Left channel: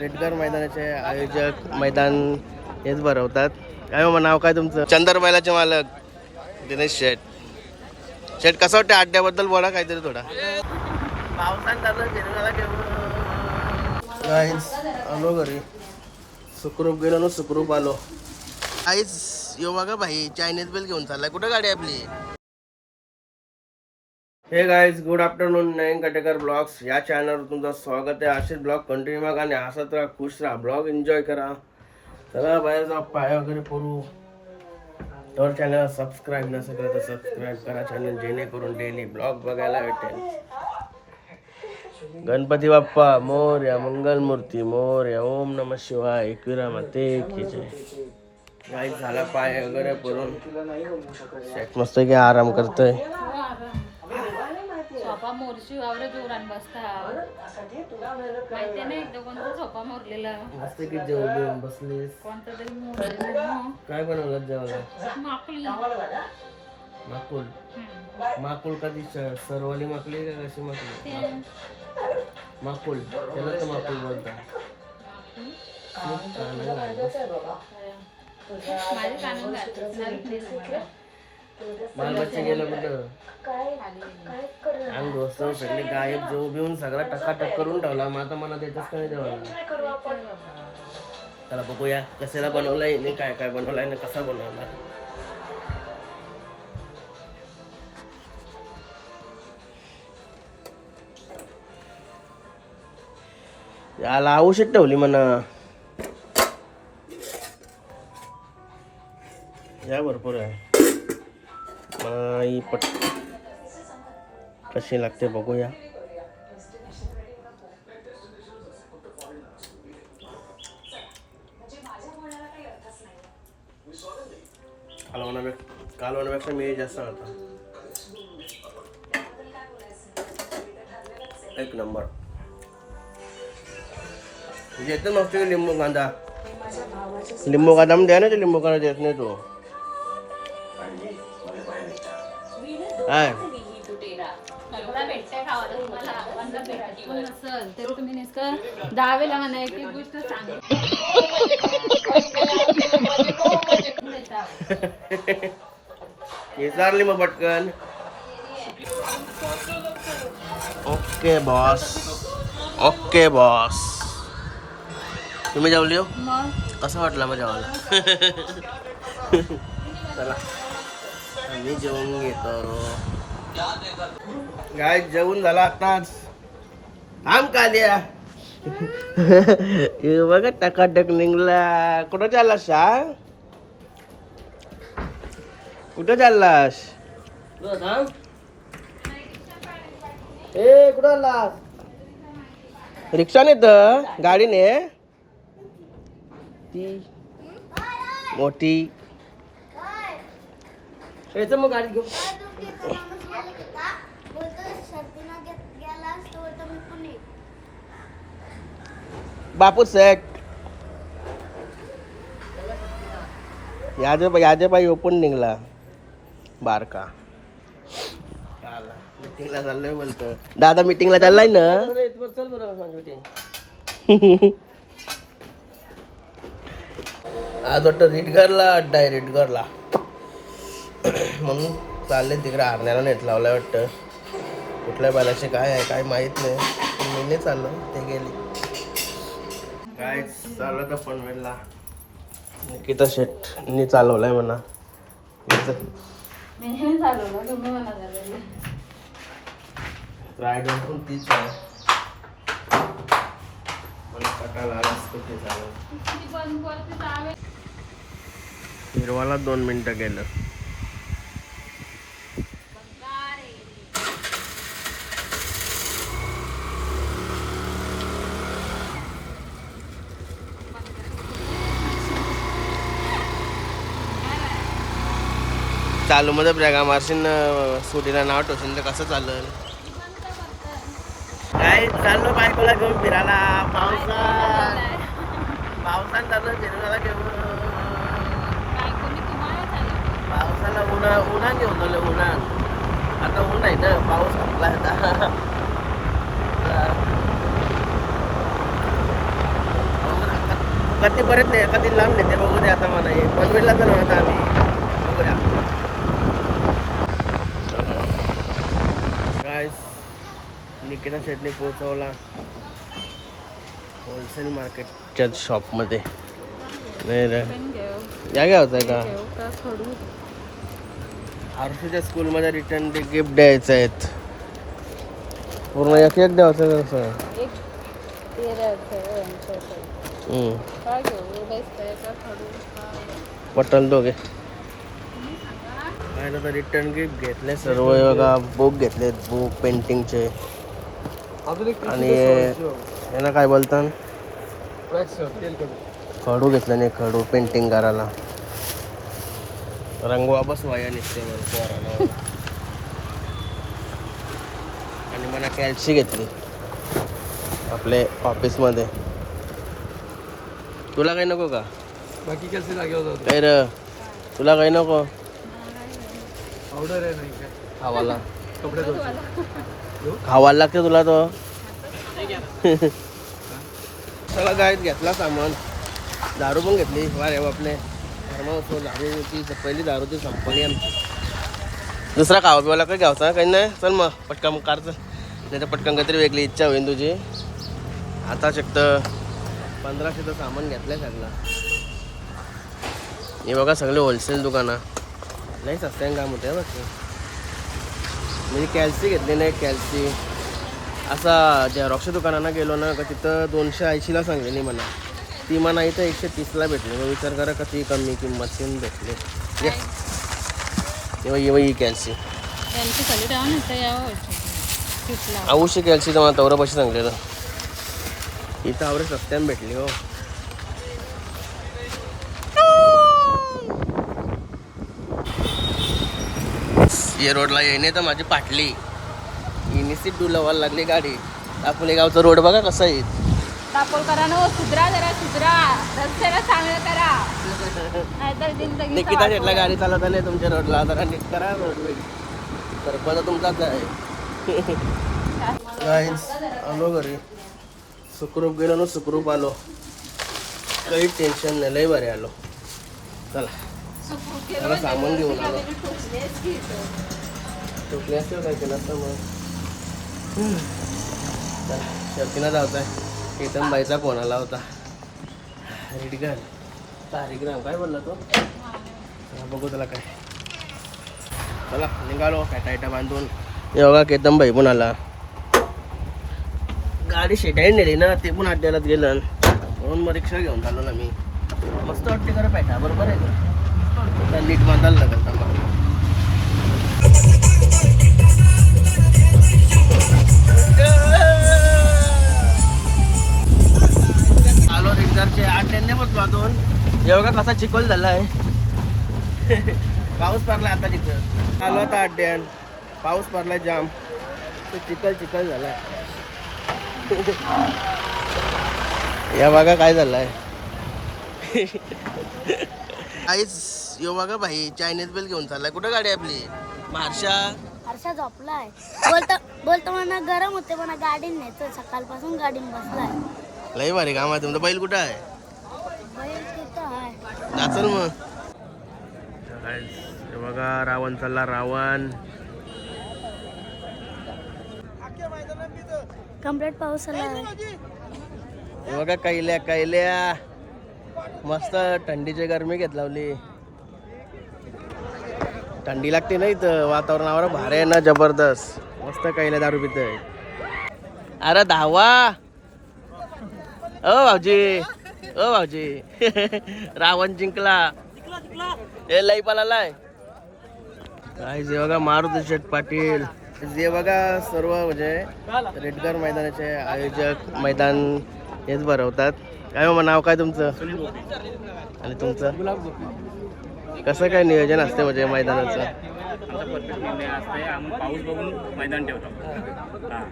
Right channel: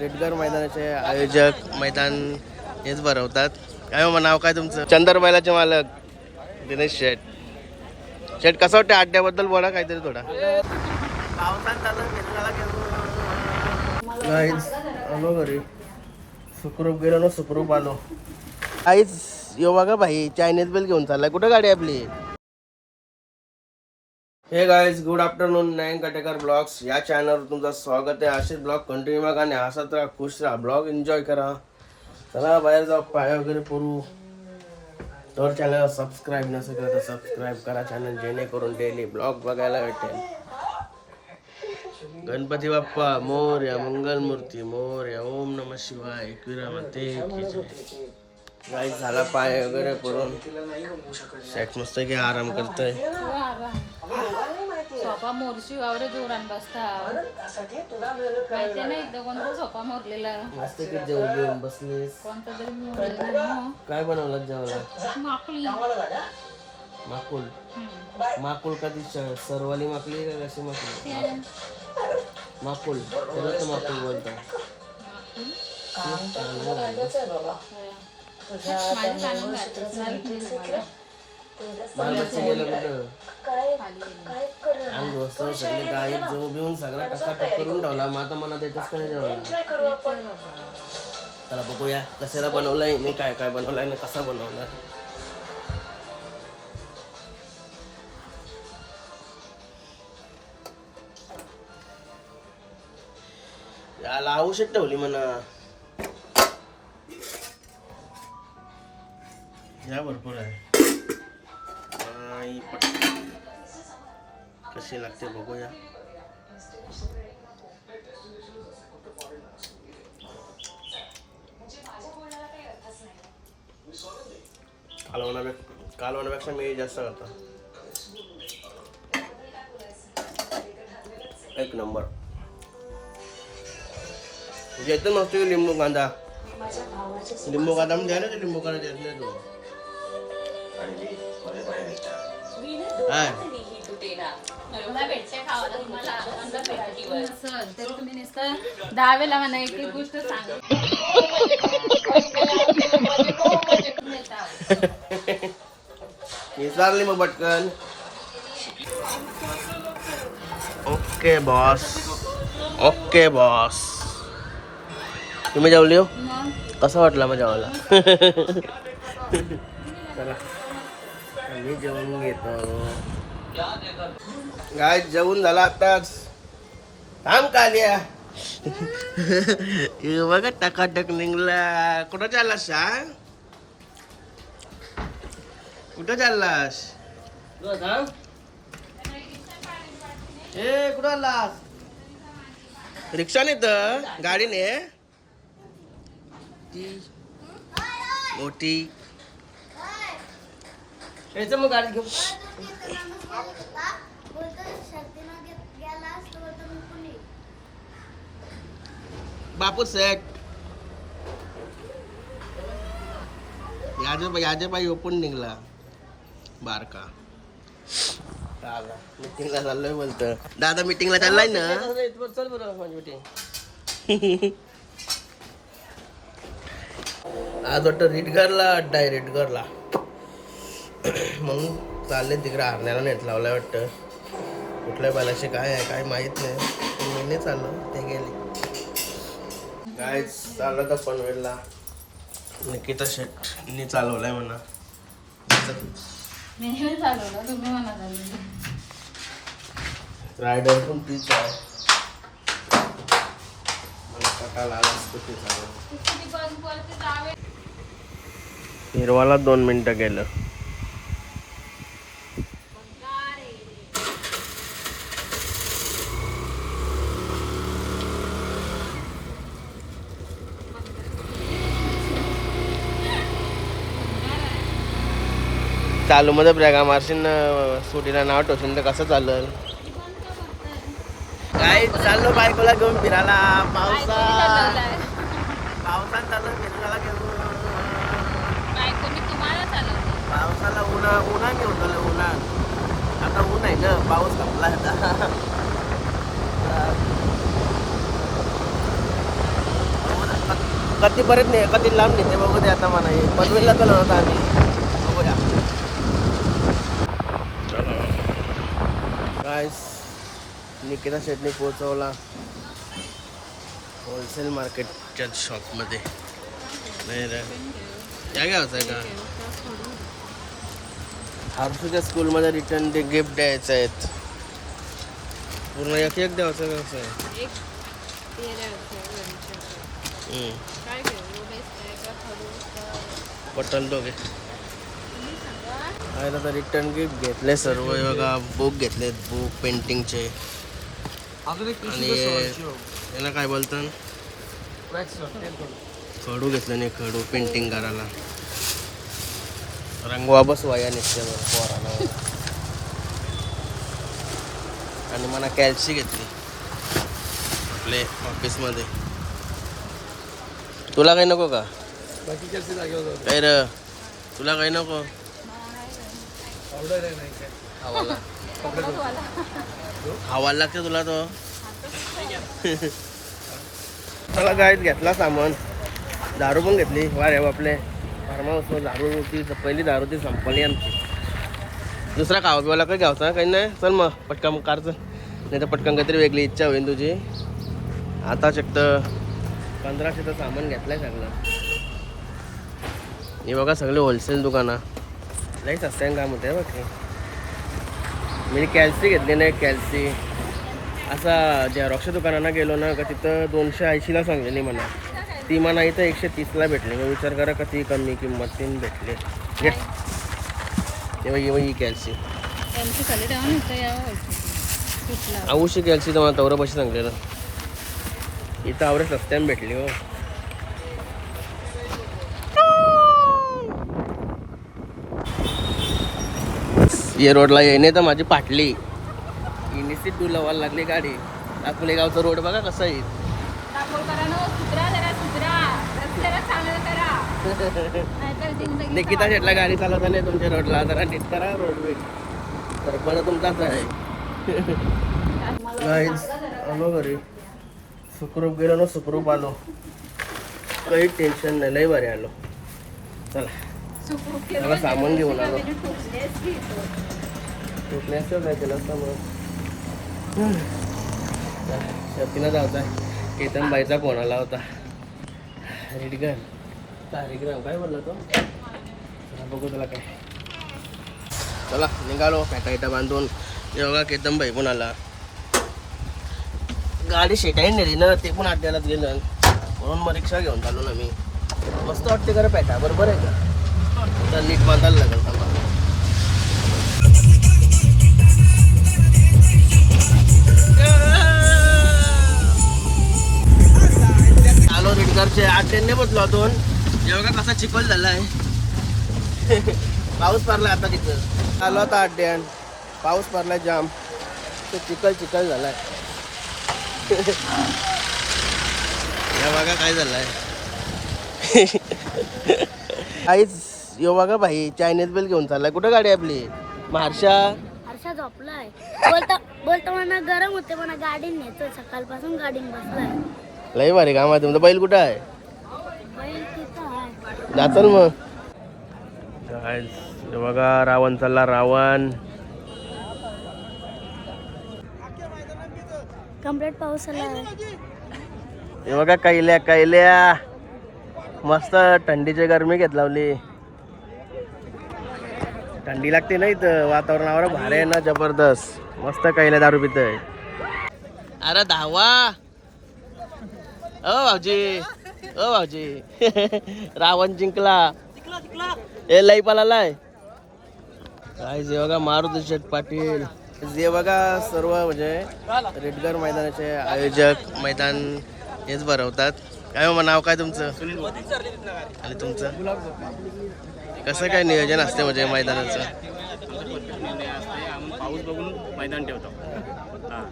रेडगर मैदानाचे आयोजक मैदान हेच भरवतात. काय मग नाव काय तुमचं? चंदर बैलाचे मालक दिनेश शेठ. शेठ कसं वाटतं अड्ड्याबद्दल बोला काहीतरी थोडा. आलो घरी. सुखरूप गेलो ना सुखरूप आलो. आईच यो बघा भाई चायनीज बेल घेऊन चाललाय. कुठं गाडी आपली? Hey guys good afternoon Nayan Katekar vlogs या चॅनलवर तुमचं स्वागत आहे असेच ब्लॉग कंटिन्यू बघा आणि हसत राहा खुश राहा। ब्लॉग एन्जॉय करा। चला बाहेर जा पाय वगैरे करू तर चॅनलला सबस्क्राईब नसेल तर सबस्क्राईब करा चॅनल जेणेकरून डेली ब्लॉग बघायला भेटेल गणपती बाप्पा मोर्या मंगलमूर्ती मोर्या ओम नम शिवाय एकविरा माते की जय। गाईज झाला पाय वगैरे करून सेट मस्त की आराम करतोय सोफा मोरशी वावरे जोरान बसता. माहिती नाही एकदा कोणता सोफा मोरलेला मस्त की जेव घेऊन बसलीस. कोणता तरी मोरलेला काय बनवलं जेवायला? माकली. माकुल? माकुल कधी सरवाली माकली का कशी माकली? माकुल. त्याला तर माकुल बोलतात. खूप गेलं कुठं अंग सगळे गायब जो बिवून सगळा टकाटक करून ठेवला. मग आता मला त्याच्याच काही जेवायला चला बघूया कशाला बनवलंय मी काय काय बनवलंय ना कसा बनवला. याला औषध ठेवली म्हणा. या भरपूर आहे. आई पट कशी लागते बघूया कालवणापेक्षा कालवणापेक्षा मी जास्त करता एक नंबर येतं मस्त लिंबू कांदा लिंबू कांदा म्हणजे द्या ना ते लिंबू कांदा देत नाही तो नसल तरी तुम्ही नुसतं दहा वेळेला म्हणा एक एक गोष्ट सांग विचारली मग पटकन. ओके बॉस ओके बॉस तुम्ही जेवली हो? कसं वाटलं मग जेवायला? चला. आम्ही जेवून घेतो. गाय जेवून झाला आताच थांब कालिया. हे बघा टकाटक निघला. कुठं चाललास सांग कुठं चाललास? ए कुठं आलास रिक्षाने तर गाडीने. ती मोठी. याचं मग गाडी घेऊ बापू सेट. याजे याजे बाई ओपन निघला. बारका. मिटिंगला चाललोय बोलतं दादा मिटिंगला चाललाय ना? चल बरं मीटिंग आज वाटतं रिटगरला अड्डा आहे रिटगरला म्हणून चालले तिकडे हरण्याला नेट लावलाय वाटतं. कुठल्या बैलाचे काय आहे काय माहीत नाही. पण मी नाही चाललो ते गेले. काय चाललं का पनवेलला निकिता शेटनी चालवलाय म्हणा. रायडर पण तीच आहे. हिरवाला दोन मिनिटं गेलं. चालू मध्ये ब्रॅगा मारशील सुटीला नाव ठेवशील तर कसं चालेल? काय चाललो बायकोला घेऊन फिरायला. पावसा पावसात चाललं फिरायला घेऊन. पावसाला उन्हा उन्हाने होतं उन्हात आता ऊन आहे ना पाऊस संपला आता. कधी परत नाही कधी लांब नेते बघू दे आता म्हणा हे पनवेलला तर आम्ही बघूया. काय निकिता शेटने पोहोचवला होलसेल मार्केटच्या शॉपमध्ये. या घ्यायचं आहे का? हर्षूच्या स्कूलमध्ये रिटर्न ते गिफ्ट द्यायचं आहेत. पूर्ण एक एक द्यायचं कसं काय पटल दोघे. पाहिलं तर रिटर्न गिफ्ट घेतले सर्व. बघा बुक घेतलेत बुक पेंटिंगचे आणि यांना काय बोलतात? खडू घेतलं नाही खडू पेंटिंग करायला. रंगवा बसवाया निघते मग पोराला. आणि मला कॅल्सी घेतली. आपले ऑफिसमध्ये तुला काही नको का? बाकी जागे होता काय र तुला काही नको? पावडर आहे नाही काय हवाला कपडे धुवायचे. हवा लागते तुला तो. चला गायत घेतला सामान. दारू पण घेतली. वारे बापले. फार्माहाऊसवर दारू होती. तर पहिली दारू ती संपली आमची. दुसरा खावा पिवाला काही घ्यावचा काही नाही? चल मग पटकन कार चल नाही तर पटकन काहीतरी वेगळी इच्छा होईल तुझी. आता चक्त. पंधराशेचं सामान घेतलंय सगळं. हे बघा सगळे होलसेल दुकानं. लई सस्त्यान काम होते बघ. मी कॅल्सी घेतली नाही कॅल्सी. असा झेरॉक्सच्या दुकानांना गेलो ना का तिथं दोनशे ऐंशीला सांगलेली मला ती मला इथं एकशे तीसला भेटली. मग विचार करा किती कमी किंमत तीन भेटले. येव येव ही कॅल्सी. आवश्यक कॅल्सी पैसे सांगले तर इथं आवडे सस्त्यान भेटली हो. ये रोडला येणे तर माझी पाटली. ही निश्चित डुलावायला लागली गाडी. आपले गावचं रोड बघा कसं आहे. जिंदगी निकिता शेटला गाडी चालवता नाही तुमच्या रोडला. जरा नीट करा रोड तर परत तुमचाच आहे. आलो घरी. सुखरूप गेलो ना सुखरूप आलो. काही टेन्शन नाही लय बरे आलो. चला. सामान घेऊन आलो. ठोकलेच की तो. काय केलं असतं मग. शर्तीनं जायचं केतन बाईचा फोन आला होता रेडगन तारीग्राम काय बोलला तो? बघू त्याला काय. चला निघालो. काय टायटा बांधून योगा केतन भाई पण आला. गाडी शेटाई नेली ना ते पण अड्ड्यालाच गेलं. म्हणून मग रिक्षा घेऊन चाललो ना मी. मस्त वाटते खरं पेटा बरोबर आहे का? नीट बांधायला लागेल थांबा आलो रेडकरचे अड्ड्यांनी बसलो अजून. एवढा कसा चिखल आहे पाऊस पडला आता तिथं. आलो आता अड्ड्यान. पाऊस पडला जाम. तो चिखल चिखल झालाय. या बघा काय झालं आहे काहीच यो बघा भाई चायनीज बेल घेऊन चाललाय. कुठं गाडी आहे आपली? मारशा. हर्षा झोपलाय. बोलता म्हणा गरम होते म्हणा गाडी न्यायचं सकाळपासून गाडीन बसलाय. लय भारी काम आहे तुमचं. बैल कुठं आहे? बैल तिथं आहे. जाचल मग. हे बघा रावण चालला रावण. कंप्लीट पाऊस आला हे बघा कैल्या कैल्या. मस्त थंडीची गरमी घेत लावली. थंडी लागते ना इथं. वातावरणावर भारी आहे ना जबरदस्त. मस्त कैल्या दारू पितय. अरे धावा. ओ भाऊजी. ओ भाऊजी. रावण जिंकला. ए लई पळालाय. काय जे बघा मारुती शेठ पाटील. जे बघा सर्व म्हणजे रेडगर मैदानाचे आयोजक मैदान हेच भरवतात. काय मग नाव काय तुमचं? आणि तुमचं? कसं काय नियोजन असते म्हणजे मैदानाचं? आमचा परफेक्ट निर्णय असतंय. आम्ही पाऊस बघून मैदान ठेवतो. हा.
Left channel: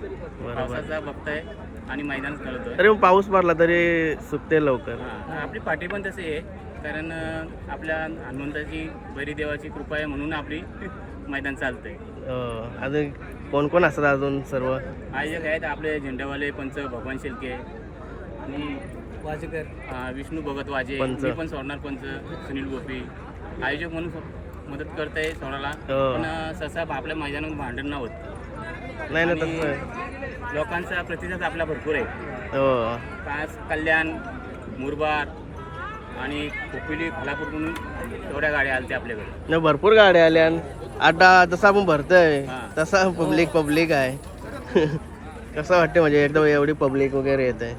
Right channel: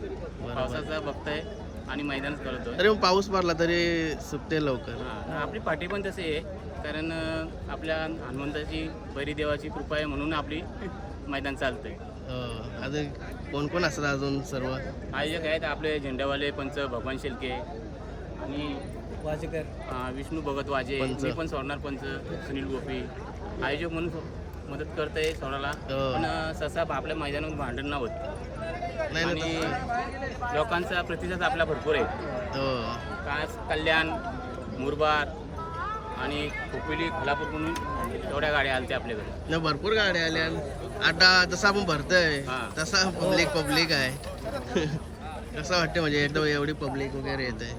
पावसाचा बघताय आणि मैदान करतोय तरी मग पाऊस पडला तरी सुटते लवकर. हा. आपली पाठी पण तशी आहे. कारण अं, आपल्या हनुमंताची बैरी देवाची कृपा आहे म्हणून आपली मैदान चालतंय. हो, अजून कोण कोण असतात अजून सर्व? आयोजक आहेत आपले झेंडावाले पंच भगवान शिल्के आणि वाजेकर. विष्णू भगत वाजे. पंच. मी पण सोडणार पंच. सुनील गोपी. आयोजक म्हणून मदत करते सोडायला. हो. पण सहसा आपल्या मैदानात भांडण नाही होत. नाही ना आणि तसं लोकांचा प्रतिसाद आपला भरपूर आहे. हो. कास कल्याण मुरबाड आणि खोपिली खालापूर म्हणून तेवढ्या गाड्या आल्या आपल्याकडे. नाही भरपूर गाड्या आल्या. आता जसं आपण भरतोय हा. तसा पब्लिक पब्लिक आहे. कसं वाटतं म्हणजे एकदम एवढी पब्लिक वगैरे येते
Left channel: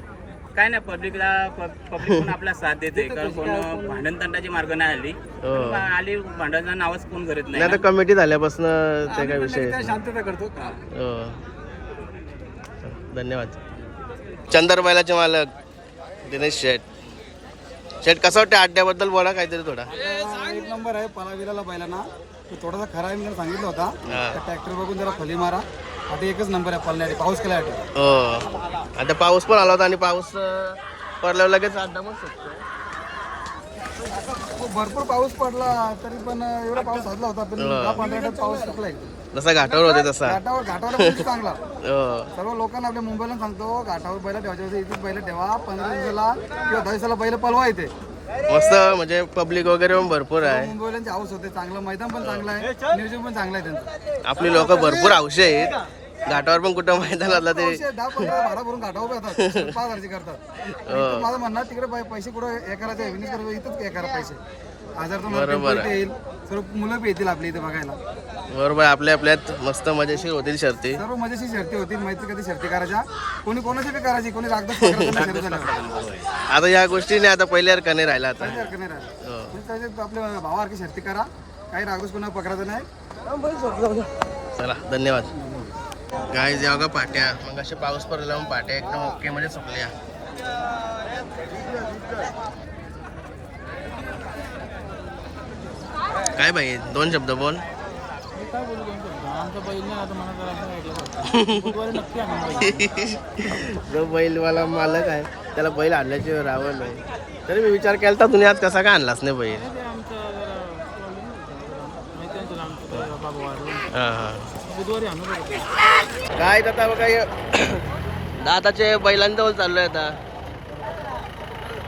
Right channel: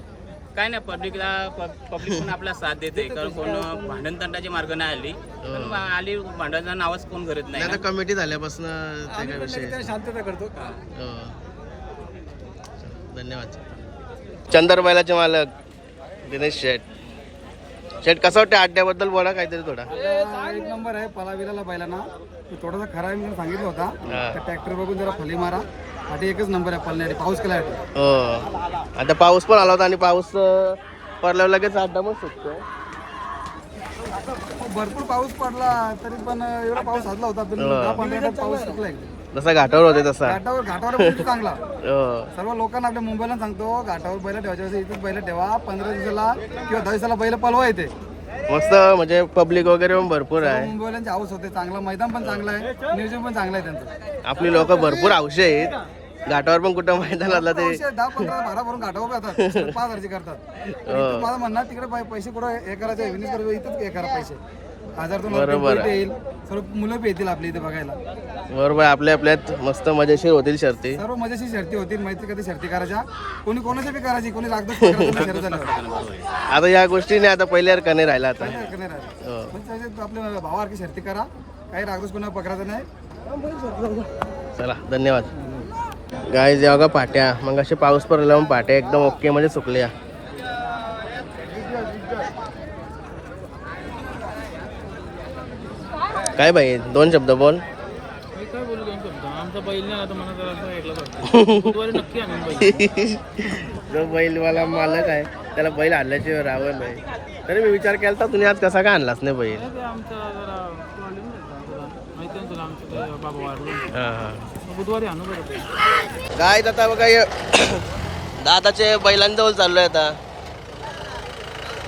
काय नाही पब्लिकला पब्लिक पण आपला साथ देते. कारण कोण भांडण तंडाची मार्ग नाही आली. हो. पण आली भांडणाचं नावच कोण करत नाही नाही तर कमिटी झाल्यापासून ते काय विषय शांतता करतो. हो. धन्यवाद. चंदरबायलाचे मालक दिनेश शेठ. शेठ कसं वाटतं अड्ड्याबद्दल बोला काहीतरी थोडा? एक नंबर आहे पलाविलाला बैलांना. तो थोडासा खरा आहे मी सांगितलं होता. हा. ट्रॅक्टर बघून जरा फली मारा. पाठी एकच नंबर आहे पळण्यासाठी पाऊस हो. आता पाऊस पण आला होता आणि पाऊस पडल्यावर लगेच अड्डा पण सुटतोय. हो, भरपूर पाऊस पडला तरी पण एवढा पाऊस साधला होता पण दहा पंधरा मिनिटात पाऊस सुटला एकदम. जसा घाटावर होते तसा. घाटावर घाटावर चांगला. हो. सर्व लोकांना आपल्या मुंबईला सांगतो घाटावर बैल ठेवायच्या वेळेस इथेच बैल ठेवा पंधरा दिवसाला किंवा दहा दिवसाला बैल पळवा येते मस्त म्हणजे पब्लिक वगैरे पण भरपूर आहे. मुंबईवाल्यांचे हाऊस होते चांगला मैदान पण चांगलं आहे नियोजन पण चांगलं आहे त्यांचं. आपली लोक भरपूर हौशी आहेत. घाटावर पण कुठं मैदान असला तरी. दहा पंधरा भाडा भरून घाटावर येतात पाच हजारचे करतात. इथं माझं म्हणणं तिकडे पै- पैसे कुठं हे करायचे? विनिस करायचं इथंच हे करा पैसे. हजार बरोबर येईल. सर्व मुलं बी येतील आपल्या इथे बघायला. बरोबर आपल्या आपल्यात मस्त मजेशीर होतील शर्ती. सर्व मजेशी शर्ती होतील. मैत्री कधी शर्ती करायच्या? कोणी कोणाची बी करायची? कोणी झाल्यावर. आता या गोष्टी आता पहिल्यासारखं नाही राहिला आता. हरकत नाही राहिलं. हो. म्हणजे आपल्या भावासारखी शर्ती करा. काही रागदोष कोणा पकडायचं नाही. चला धन्यवाद. गाय जेव्हा का पाट्या. मग असे पाऊस पडला मग पाट्या एकदम ओके मध्ये सुकल्या. काय बाई दोन शब्द बोल. काय बोलू दोन शब्द? आमचा बैल नाही आता मला जरा बुधवारी नक्की आणून बैल जो बैलवाला मालक आहे त्याला बैल आणल्याचे रावण आहे तरी मी विचार केला तर तुम्ही आज कसा काय आणलास नाही बैल? नाही हा हा. बुधवारी आणू बरं काय आता बघा दादाचे बैलांजवळ चाललोय आता.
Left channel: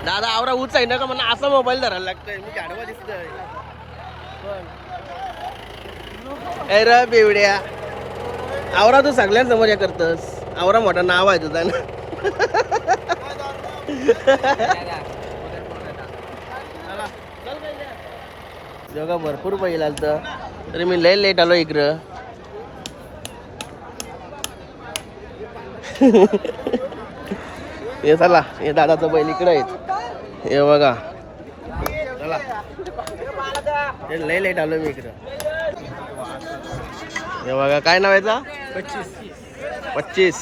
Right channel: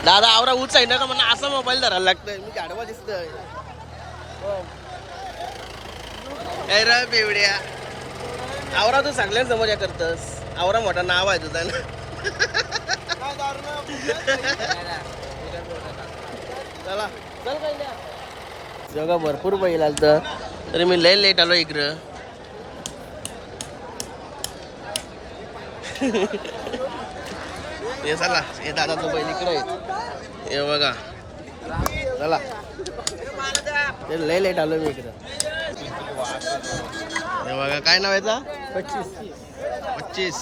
दादा आवरा उच आहे ना का म्हणा असा मोबाईल धरायला लागतोय. मी गाडवा दिसतोय. काय र बेवड्या. आवरा तू सगळ्यांसमोर हे करतस. आवरा मोठा नाव आहे तुझा ना. जगा भरपूर बैल आलत. तरी मी लय लेट आलो इकडं. हे चला हे दादाचं बैल इकडे आहेत. हे बघा. चला. ते लय लेट आलो मी इकडं. हे बघा काय नाव याचा? पच्चीस.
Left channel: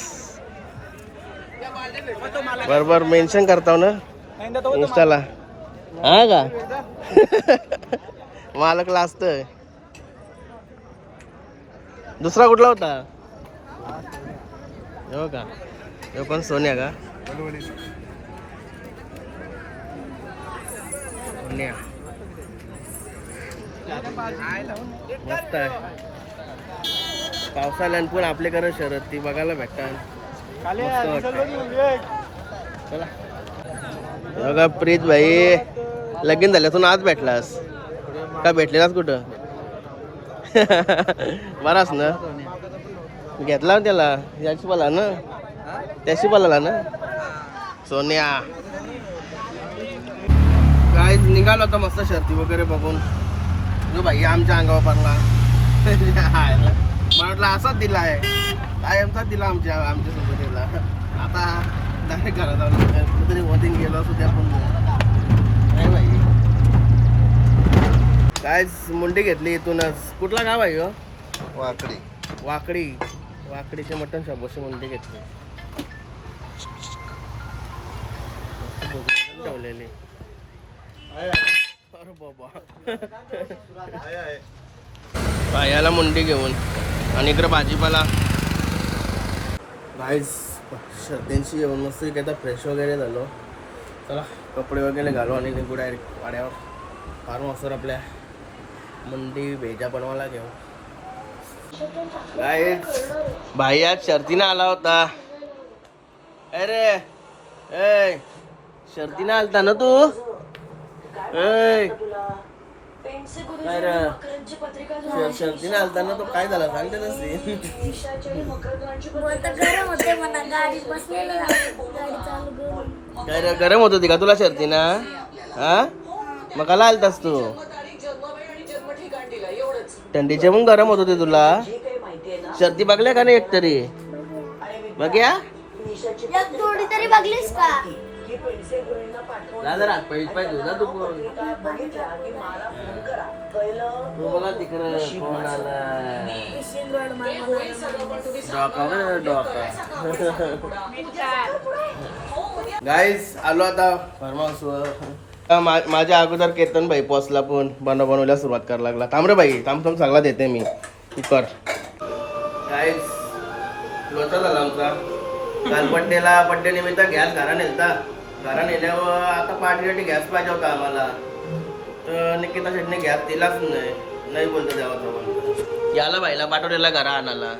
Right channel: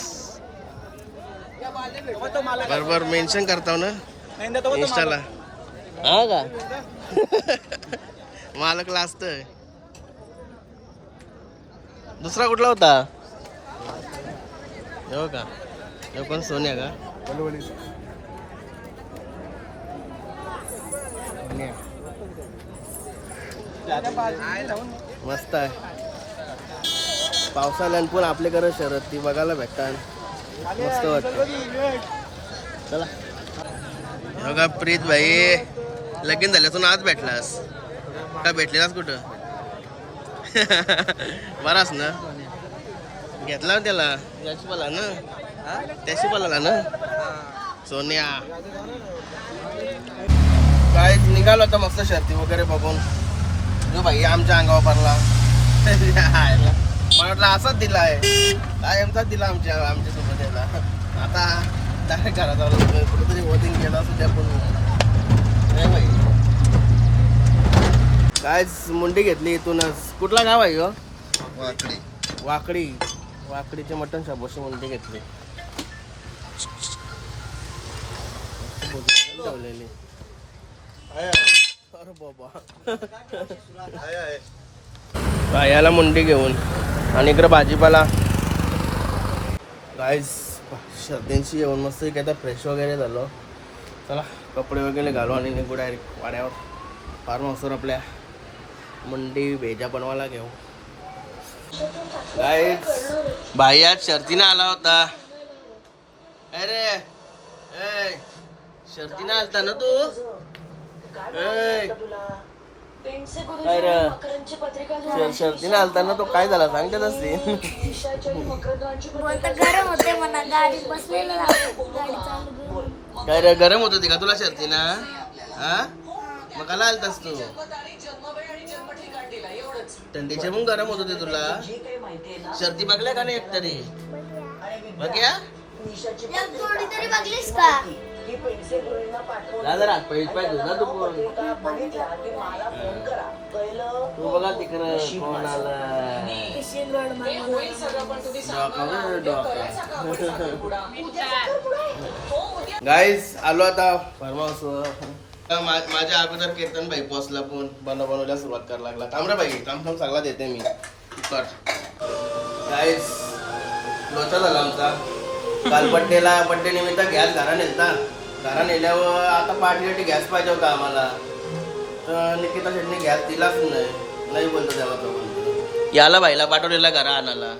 बरोबर मेन्शन करताव ना. इंस्टाला हा का? मालकला असतंय दुसरा कुठला होता? हो का? हे पण सोन्या का? सोन्या. मस्त आहे. पावसाळ्यात पण आपल्याकडे शरद ती बघायला भेटतात. मस्त वाटत चला. हे का प्रीत भाई? लगीन झाल्यातून आज भेटलास. का भेटलेलास कुठं? बराच ना. घेतला ना त्याला. याची पाला ना. त्याची पाला ना. सोन्या. काय निघालो होता मस्त शर्ती वगैरे बघून. जो भाई आमच्या अंगावर पडला. वाटलं असाच दिला आहे कायमचाच दिला आमच्या आमच्यासोबत याला आता डायरेक्ट घरात आलो. कुठेतरी वोटिंग गेला असू द्या पण. काय भाई. काय मुंडी घेतली इथूनच. कुठला गाव आहे ह्यो? वाकडी. वाकडी. वाकडीचे मटण शाबोशी मुंडी घेतली. मस्त ठेवलेली. अरे बाबा. पायाला मुंडी घेऊन आणि इकडं भाजीपाला. गाईस सर्दींशी जेवण मस्त की आता फ्रेश वगैरे झालो. चला कपडे वगैरे घालू आणि निघू डायरेक्ट वाड्यावर. फार्म हाऊसवर आपल्या मंडी भेजा बनवायला घेऊ. भाई आज शर्तीनं आला होता. अरे ए शर्तीने आलता ना तू. काय र? शर्तीने आलता ना तो काय झाला सांगते काय रे गरम होत होती का तुला शर्तीना? हा? मग कला आलतास तू? थंडीचे पण गरम होत होते तुला? शर्ती बघल्या का नाही एकतरी? बघ या एक जोडी तरी बघलीस का? पाय धुऊ जा तू तू बघा तिकडे कोण आला डॉका बघ, डॉका. गाईज आलो आता फार्म हाऊसवर मा- माझ्या अगोदर केतन भाई पोचला पण बनव बनवल्या सुरुवात करायला लागला. थांब रे भाई थांब थांब सगळा देते मी. कुकर लोचा झाला आमचा. काल बड्डेला बड्डे निमित्त गॅस घरा नेलता. घरा नेल्यावर आता पार्टीसाठी गॅस पाहिजे होता आम्हाला. तर निकिता शेटने गॅस दिलाच नाही. नाही बोलतो तेव्हा तो बोलतो याला बाईला पाठवलेला घरा आणायला.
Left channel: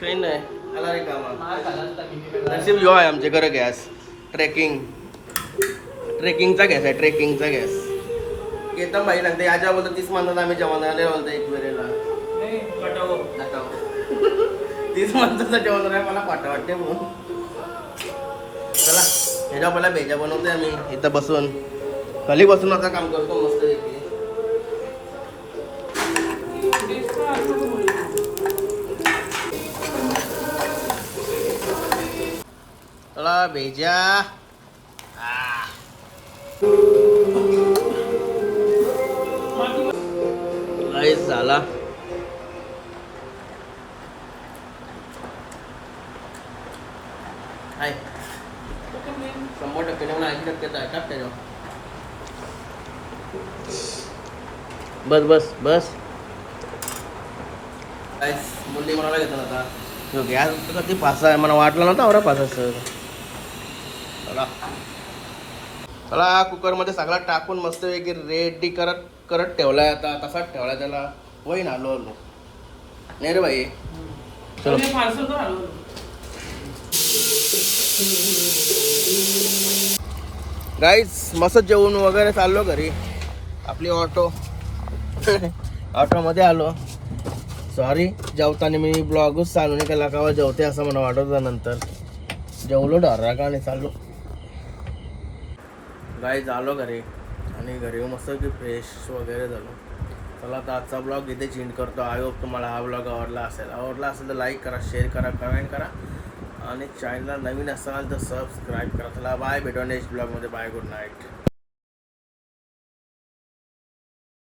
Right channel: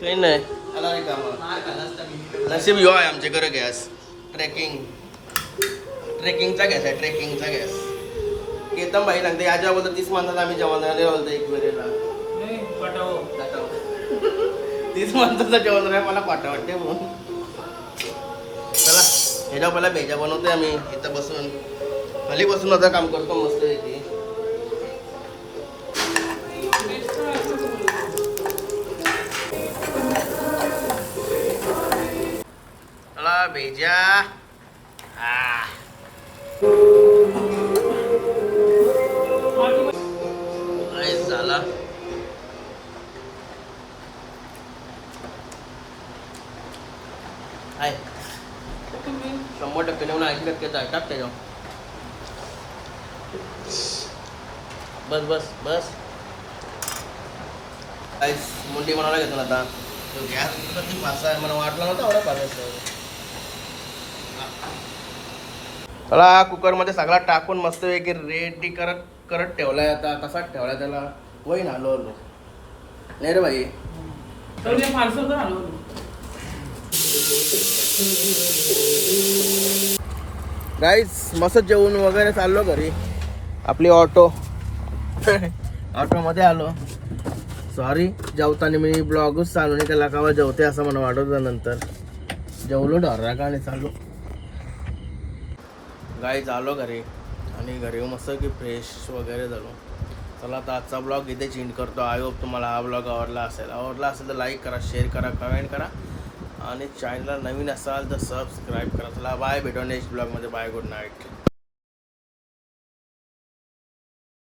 काही नाही. आला रे कामा नशीब यो आहे आमच्या घरी गॅस. ट्रेकिंग ट्रेकिंगचा गॅस आहे ट्रेकिंगचा गॅस. केतन बाई सांगते याच्या बोलतो तीस माणसात आम्ही जेवण आले बोलतो एक वेळेला. तीस माणसाचं जेवण नाही मला पाठवा वाटते म्हणून. चला ह्याच्या पहिला भेजा बनवतोय आम्ही इथं बसून. खाली बसून होतं काम करतो मस्त पैकी. चला भेजा. आहे शंभर टक्के नेऊन ऐंशी टक्के आहे टाक त्याच्यावर बस बस बस काय मुंडी म्हणायला घेतो ना आता तो गॅस कधी पासा आहे मला वाटलं नव्हतं एवढा पासाचं चला कुकरमध्ये सगळा टाकून मस्त एक रेडी करत करत ठेवलाय आता तसाच ठेवलाय त्याला वही आलो आलो नाही रे भाई गाईज मस्त जेवण वगैरे चाललो घरी. आपली ऑटो ऑटोमध्ये आलो. सॉरी जेवताना मी ब्लॉगच चालू नाही त्याला कावा जेवते असं मला वाटत होतं नंतर. जेवलो डरा का नाही चालू गाईज आलो घरी आणि घरी मस्त की फ्रेश वगैरे झालो. चला आता आजचा ब्लॉग इथे चेंज करतो. आय होप तुम्हाला हा ब्लॉग आवडला असेल. आवडला असेल तर लाईक करा शेअर करा कमेंट करा. आणि चॅनलला नवीन असाल तर सबस्क्राईब करा. चला बाय भेटू नेक्स्ट ब्लॉगमध्ये बाय गुड नाईट